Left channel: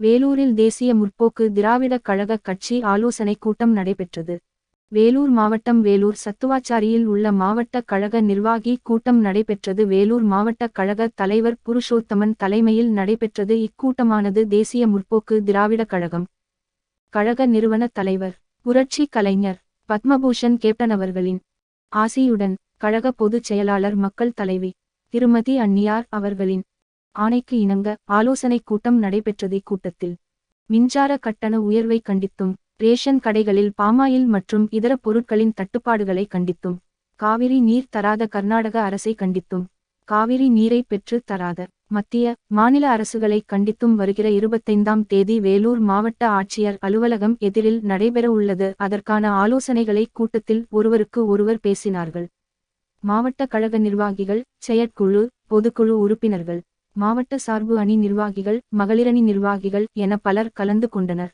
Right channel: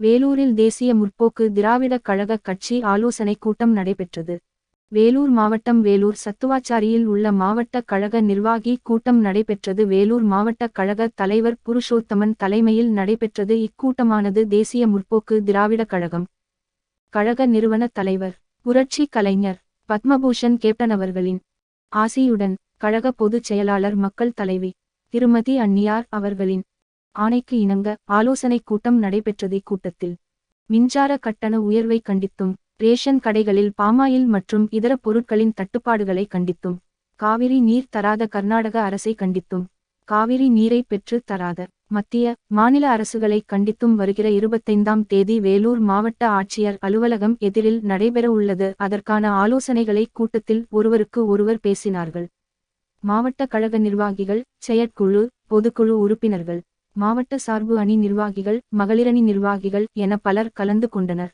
வேலூரில் தேசிய முற்போக்கு திராவிடக் கழக கட்சி ஆலோசனைக் கூட்டம் நடைபெற்றது. வேலூர் மாவட்டம் வேலூர் சத்துவாச்சாரியில் உள்ள மாவட்ட கழக நிர்வாகி கூட்டம் நடைபெற்றது. வேலூர் மாவட்ட கழக தலைவர் புருஷோத்தமன் தலைமையில் நடைபெற்றது. இக்கூட்டமானது தேசிய முற்போக்கு திராவிடக் கழகம் கழக நிறுவன தலைவர் புரட்சி கலைஞர் பத்மபூஷன் கேப்டன் அவர்களின் ஆசியுடன் கழக பொதுச் செயலாளர் மக்கள் தலைவி திருமதி அன்னியார் அவர்களின் ஆணைக்கு இணங்க ஆலோசனைக் கூட்டம் நடைபெற்றது. இக்கூட்டத்தில் மின்சார கட்டண உயர்வை கண்டித்தும், ரேஷன் கடைகளில் பாமாயில் மற்றும் இதர பொருட்களின் தட்டுப்பாடுகளை கண்டித்தும், காவிரி நீர் தராத கர்நாடக அரசை கண்டித்தும், காவிரி நீரை பெற்று தராத மத்திய, மாநில அரசுகளை கண்டித்தும் வருகிற 25ஆம் தேதி வேலூர் மாவட்ட ஆட்சியர் அலுவலகம் எதிரில் நடைபெறவுள்ளது. அதற்கான ஆலோசனைகளை கூட்டத்தில் ஒருவருக்கு ஒருவர் பேசினார்கள். மாவட்ட கழக நிர்வாகிகள், செயற்குழு, பொதுக்குழு உறுப்பினர்கள், மாவட்ட சார்பு அணி நிர்வாகிகள், மகளிரணி நிர்வாகிகள் என பலர் கலந்து கொண்டனர்.